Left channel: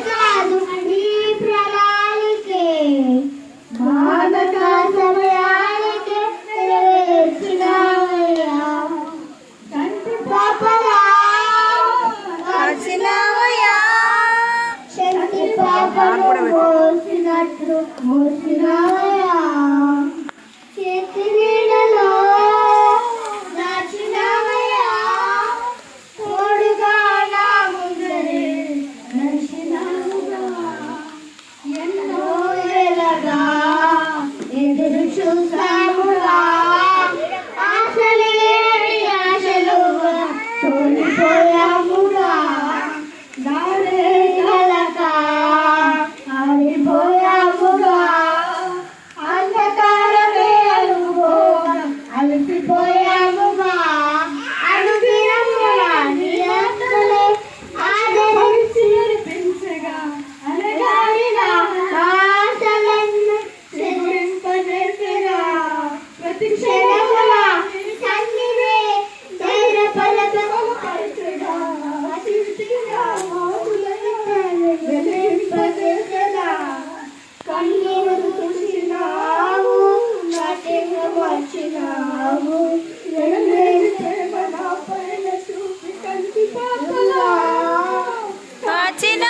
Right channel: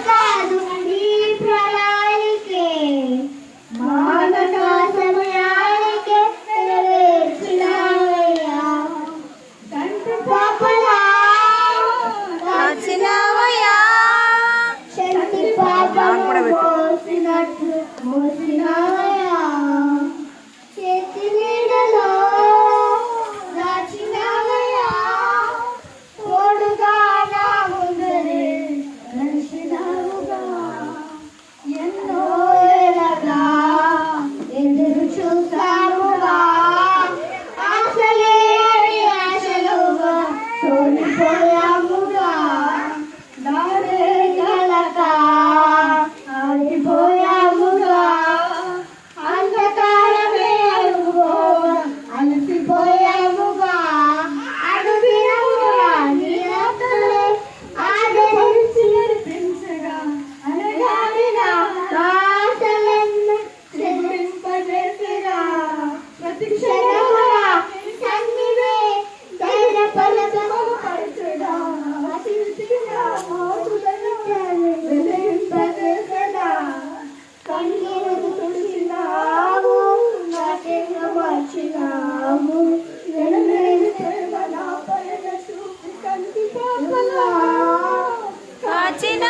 కాదు కాచిన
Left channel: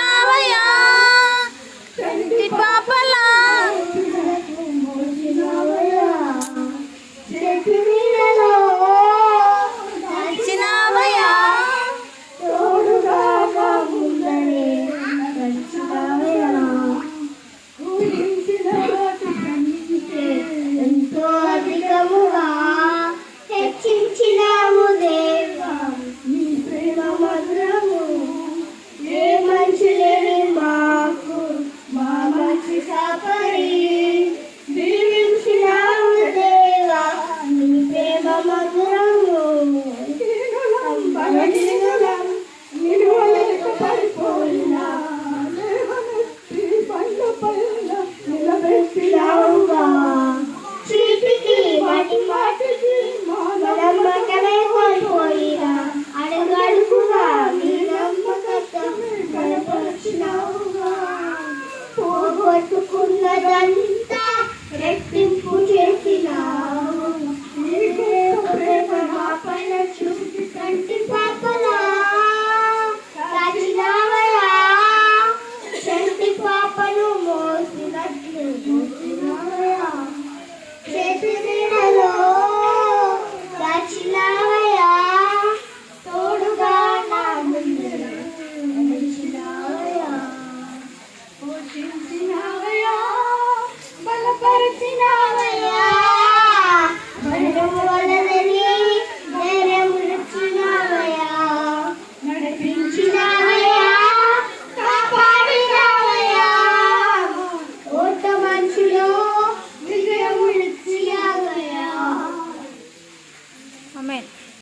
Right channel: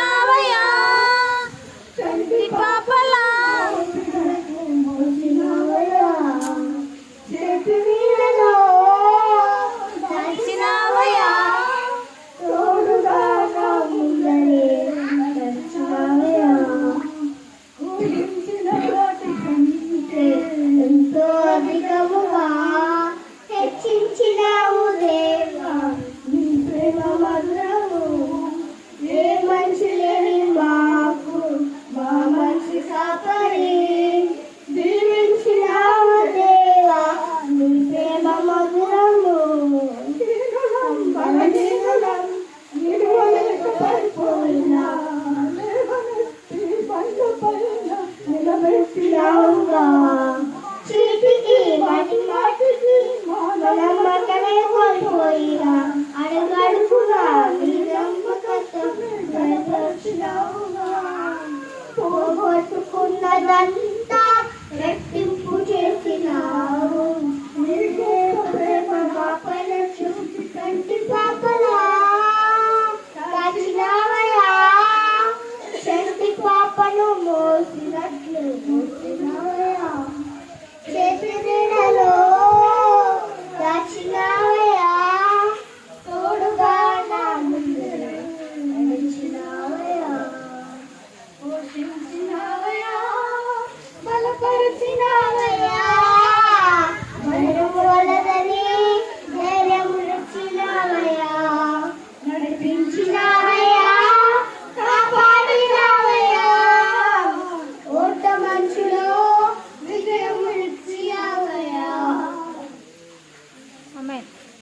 పాపను మోసినట్లు మోసినావయ్యా. చేతి నీడలో